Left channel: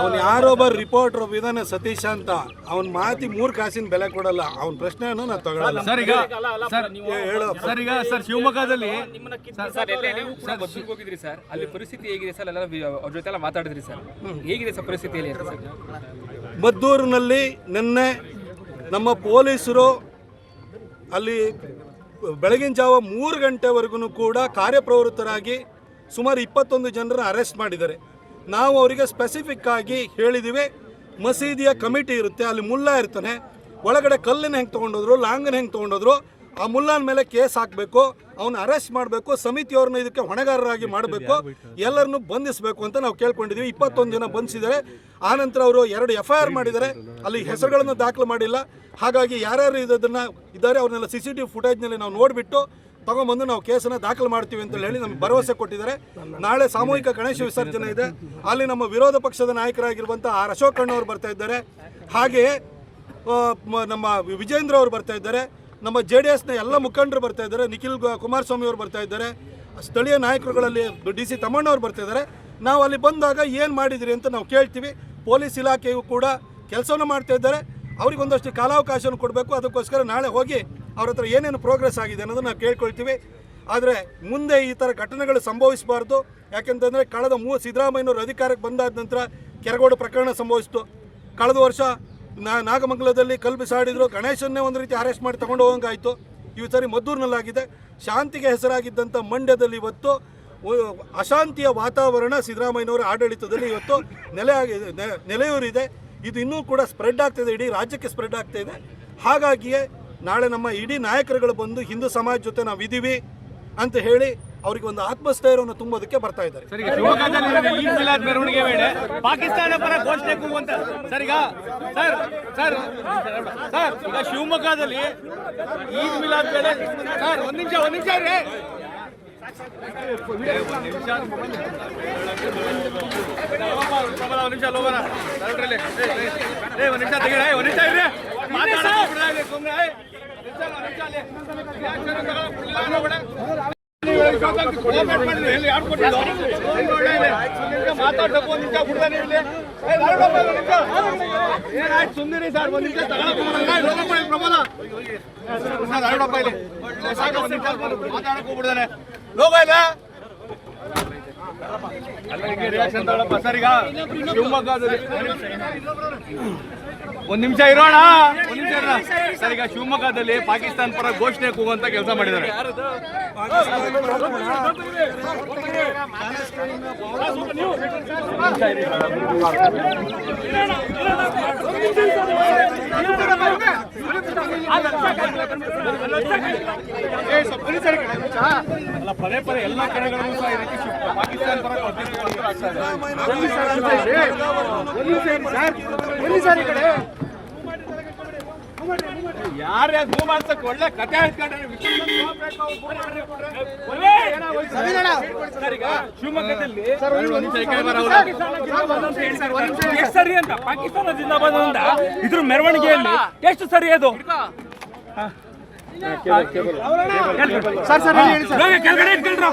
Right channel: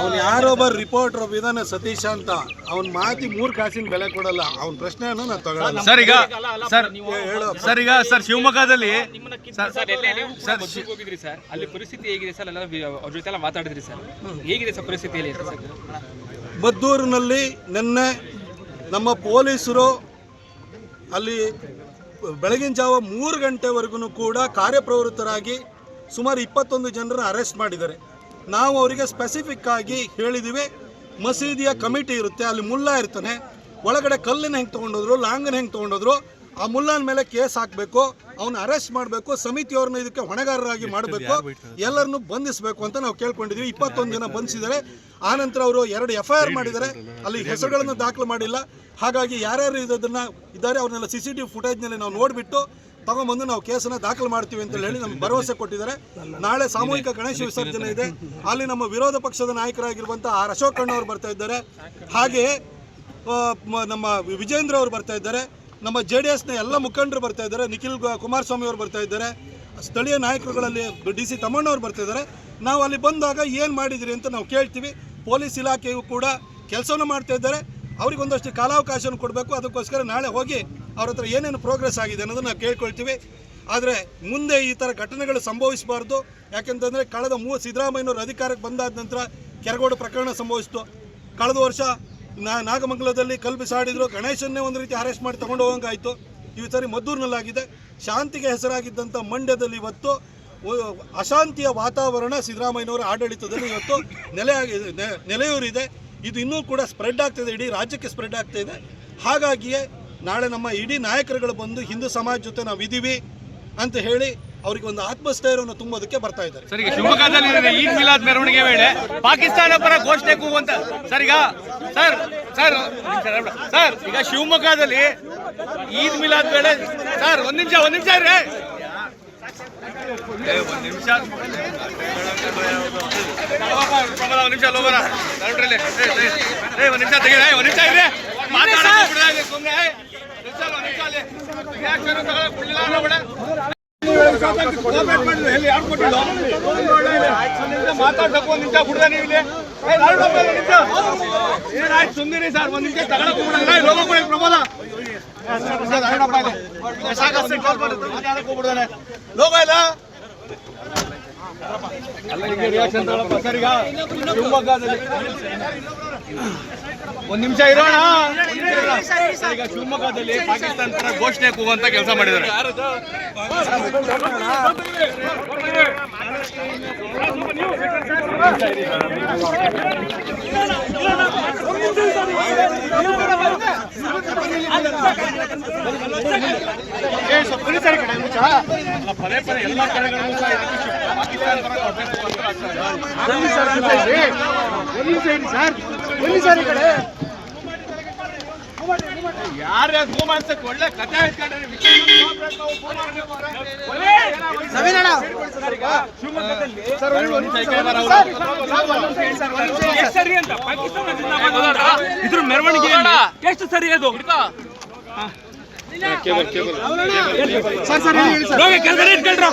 ಅವನು ಯಾರೊಬ್ಬ ರಿಪೋರ್ಟರ್ ವಿಧಾನ ಸತೀಶ್ ಅಂತ. ಅವನ ಮಾತಿ ಮೂರು ಕಾಸಿನ ಬೆಲೆ ಕೊಡಲ್ಲ. ಅವ್ನ ಪ್ರಶ್ನೆ ನಾನು ತಗೊಳ್ಳಲ್ಲ ಸರ್ ಈಗ ಸರ್ ಹೇಳು ಸರ್ ಈಗ ಸರ್ ಶಿವಮೊಗ್ಗದಲ್ಲಿ ಸರ್ ಸರ್ ಎಲ್ಲ ನೀವು ಒಬ್ಬರಿಗೆ ಹೋಗಿದ್ರಿ ಸರ್. ಅಲ್ಲಿ ಪರಿಸ್ಥಿತಿ ಹೇಗಿದೆ ಸರ್? ಎಲ್ಲ ಅವ್ರ ಜೊತೆ ಎಲ್ಲ ಮಾತಾಡಿದ್ರಿ ಸರ್. ಹೇಗಿದೆ ಸರ್ ಪರಿಸ್ಥಿತಿ ಹೇಳಿ ಅಂತ ಸರ್? ಮದ್ದೂರಿನಲ್ಲಿ ನಿನ್ನೆ ನಮ್ಮ ಪೊಲೀಸರು ಅಲ್ಲಿ ಬೆಳಗಿನ ಜಾವ ಮೂರು ಗಂಟೆವರೆಗೂ ಕೂಡ ಕಾರ್ಯಪ್ರವೃತ್ತರಾಗಿ ಸುಮಾರು ಇಪ್ಪತ್ತೊಂದು ಜನರನ್ನು ಅರೆಸ್ಟ್ ಮಾಡಿದ್ದಾರೆ. ನಾವು ಅವರಿಗೆ ಸ್ಪೆಸಿಫಿಕ್ ಆಗಿ ಹೇಳಿದ್ದೀವಿ ಮಸೀದಿಯ ಕಮಿಟಿ ಇರುತ್ತೆ ಅಲ್ಲಿ ಮುಲ್ಲಾ ಇರ್ತಾನೆ. ಒಳಗಡೆ ಕಲ್ಲಿನ ಹೆಂಗೆ ತೊಗೊಂಡೋದ್ರು ಲಾಂಗನ ಹೆಂಗೆ ತೊಗೊಂಡೋದ್ರು ಆ ಮುಲ್ಲಾನ ಮೇಲೆ ಕೇಸ್ ಹಾಕಬೇಕು ಅವನ್ನ ಅರೆಸ್ಟ್ ಮಾಡಬೇಕು ಸಮಿತಿಯವ್ರನ್ನ ಇದಕ್ಕೆ ಹೊಣೆಗಾರರಾಗಿ ಮಾಡಬೇಕು ಎಲ್ಲರನ್ನು ಬಂಧಿಸಬೇಕು ಅಂತ ನಾವು ಕೇಳ್ಕೊಂಡಿದ್ದೀವಿ ಇಪ್ಪತ್ತೊಂದು ಜನ ಬಂಧಿಸಿದ್ದಾರೆ. ಆನಂತರ ಅವರು ಎರಡು ಎಫ್ ಐ ಆರ್ ಮಾಡಿದ್ದಾರೆ. ಅಲ್ಲಿ? ಹೆಸರುಗಳನ್ನು ದಾಖಲು ಮಾಡಿಲ್ಲ. ಹಾಗಾಗಿ ಯಾರ್ಯಾರು ಇದನ್ನು ಇದ್ದಾರೆ ಅವ್ರನ್ನೆಲ್ಲ ಸಿ ಸಿ ಟಿ ವಿ ಫುಟೇಜ್ನಲ್ಲಿ ನಾವು ನೋಡಿಬಿಟ್ಟು ತಗೊಂಬಂದು ನಾವು ಕೇಸನ್ನ ದಾಖಲು ಮಾಡ್ತೀವಿ ಅಂತ ಹೇಳಿ ನಮ್ಗೆ ಭರವಸೆ ಕೊಟ್ಟಿದ್ದಾರೆ. ನಾಳೆ ಸಾಮೂಹಿಕ ಗಣೇಶ ವಿಸರ್ಜನೆ ಇದೆ. ಅಲ್ಲಿ ನಮ್ಮ ವಿರೋಧ ಪಕ್ಷದ ನಾಯಕರಾಗಿರುವಂಥ ಆರ್ ಅಶೋಕ್ ಅಣ್ಣವ್ರು ಬರ್ತಾ ಇದ್ದಾರೆ. ಹಾಗೆಯೇ ನಮ್ಮ ವಿಜೇಂದ್ರ ಅವರು ಬರ್ತಾ ಇದ್ದಾರೆ. ನಮ್ಮ ಜೆ ಡಿ ಎಸ್ನ ಎಲ್ಲ ಮುಖಂಡರು ಬರ್ತಾ ಇದ್ದಾರೆ. ನಿಖಿಲ್ ಕುಮಾರಸ್ವಾಮಿ ಅವರು ಬರ್ತಾ ಇದ್ದಾರೆ. ಸ್ಥಳೀಯ ನಾಯಕರುಗಳಲ್ಲಿ ಡಿ ಸಿ ತಮ್ಮಣ್ಣವ್ರು ಬರ್ತಾ ಇದ್ದಾರೆ. ನಾವು ಅಲ್ಲಿ ಬಂದಾಗ ಏನು ಮಾಡಿದಿರಿ ಅಂತ ನಾವು ಕೇಳ್ತೀವಿ. ಪೊಲೀಸ್ ಇಲಾಖೆಯು ಕೂಡ ಕೆಲಸವನ್ನು ಮಾಡ್ತಾ ಇದ್ದಾರೆ. ಅವ್ರಿಗೆ ಒಂದಷ್ಟು ಕಾಲಾವಕಾಶವನ್ನು ಕೊಡಬೇಕು. ಅದಕ್ಕೋಸ್ಕರ ನಾಳೆ ಹೋಗಿ ಅವ್ರ ಹತ್ರ ಏನೇನು ಪ್ರೋಗ್ರೆಸ್ ಆಗಿದೆ ಅನ್ನೋದನ್ನ ನಾವು ಕೇಳ್ಕೊಳ್ತೀವಿ. ಆದರೆ ಮುಂದೆ ಈ ಥರ ಘಟನೆಗಳು ಸಂಭವಿಸಬಾರ್ದು. ಯಾಕೆಂತಂದರೆ ಕಳೆದ ಮೂ, ಸಿದ್ದರಾಮಯ್ಯನವರು ಅಧಿಕಾರಕ್ಕೆ ಬಂದಾದ ನಂತರ ಕೆರಗೋಡು ಪ್ರಕರಣ ಸಂಭವಿಸಿತು. ಕಳೆದ ವರ್ಷ ನಾ, ನಾಗಮಂಗಲದಲ್ಲಿ ಕಲ್ಲು ಬಿಸಾಡಿದ್ರು. ಗಣೇಶನ್ನೇ ಒಂದು ರೀತಿ ಅರೆಸ್ಟ್ ಮಾಡಿ ತಗೊಂಡು ಹೋಗಂಗಾಯಿತು ಈ ಸರಿ ಮದ್ದೂರಿನಲ್ಲಾಗಿದೆ. ಶಾಂತಿಗೆ ಹೆಸರಾಗಿದ್ದಂಥ ಮಂಡ್ಯದಲ್ಲಿ ಇವತ್ತು ಅಶಾಂತಿಯ ವಾತಾವರಣ ಸಿದ್ದರಾಮಯ್ಯನವರ ಆಡಳಿತದಲ್ಲಿ ಇವತ್ತು ನೆಲೆ ನೆಲೆಯೂರಿದೆ. ಇದು ಇನ್ನೂ ಕೂಡ ಸ್ಪ್ರೆಡ್ ಆಗ್ತಿದೆ. ಇಡೀ ರಾಜ್ಯಕ್ಕೆ ಸ್ಪ್ರೆಡ್ ಆಗ್ತಾ ಇದೆ ಹಾಗಾಗಿಯೇ ನಾಳೆ ನಮ್ಮ ಇಡೀ ನಾಯಕರುಗಳು ಬಂದು ಹಿಂದೂ ಸಮಾಜ ಜೊತೆ ನಾವು ಇದೀವಿ ಅಂತ ಹೇಳಿ ಅವರಿಗೆ ಒಂದು ಆತ್ಮಸ್ಥೈರ್ಯವನ್ನು ತುಂಬೋದಕ್ಕೆ ಬರ್ತಾ ಇದ್ದಾರೆ. ಸರ್ ಶಿವಮೊಗ್ಗದಲ್ಲಿ ಈದ್ ಮಿಲಾದ್ ಮೆರವಣಿಗೆ ವೇಳೆ ಪಾಕಿಸ್ತಾನ ಪರ ಘೋಷಣೆ ಕೂಗುವಂತ ಸರ್, ಈಗ ಸರ್ ಸರ್ ಸರ್, ಈಗ ಶಿವಮೊಗ್ಗದಲ್ಲಿ ಈದ್ ಮಿಲಾದ್ ವೇಳೆ ಸರ್, ಒಂದ್ ನಿಮಿಷ ಒಂದ್ ನಿಮಿಷ ರೀ ಒಂದ್ ನಿಮಿಷ. ಒಂದ್ ನಿಮಿಷ ಲೋಬರ ಒಂದ್ ನಿಮಿಷ ತೆಗೀರಿ ಒಂದ್ ನಿಮಿಷ ಇರ್ರಿ. ಮಾತಾಡ್ಬೇಕು ಒಂದು ನಿಮಿಷ ಬಿಡ್ದ ನೀವು ಇಲ್ಲಿ. ಏನಾಯ್ತು ಸುಮ್ನಿರಿ ಸರ್ ಒಂದ್ ನಿಮಿಷ ತಗೊಳಕ್ ಬಿಡಲ್ಲ ಕೊಡಿ, ಪ್ರಮೋದ. ಸಾಕು, ಮಾತಾಡಕ್ ಹೋಗ್ಬಿಡ್ದಾನೆ. ಲೋಗೋ ಇಲ್ಲ ರಿಯಾಕ್ಷನ್ ತಗೊಳಪ್ಪ ಸರ್ ಈಗ ಶಿವಮೊಗ್ಗದಲ್ಲಿ ಒಂದ್ ನಿಮಿಷ ಇರೋಣ? ಒಂದ್ ನಿಮಿಷ ಇರೋಣ. ಸರ್ ಈಗ ಶಿವಮೊಗ್ಗದಲ್ಲಿ ಪಾಕಿಸ್ತಾನ ಪರ ಘೋಷಣೆ ಕೂಗುವಂತ ಕೆಲಸ ಮಾಡಿದ್ದಾರೆ. ಪದೇ ಪದೇ ಎಲ್ಲ ಕಡೆಗಳಲ್ಲೂ ಸಹ ಇದಕ್ಕೆ ಅಂತ ಒಳ್ಳೆ ಶಿವಮೊಗ್ಗದಲ್ಲಿ ಎಷ್ಟು ಸರಿ ಅಂತ ಪಾಕಿಸ್ತಾನ ಜಿಂದಾಬಾದ್ ಇದ್ರ ಮೆರವಣಿಗೆಯಲ್ಲಿ ಎಷ್ಟು ಸರಿ ಅದು? ಸರ್ ಸರ್ ಇಟ್ಕೊಳ್ರ ನೇತೃತ್ವದಲ್ಲಿ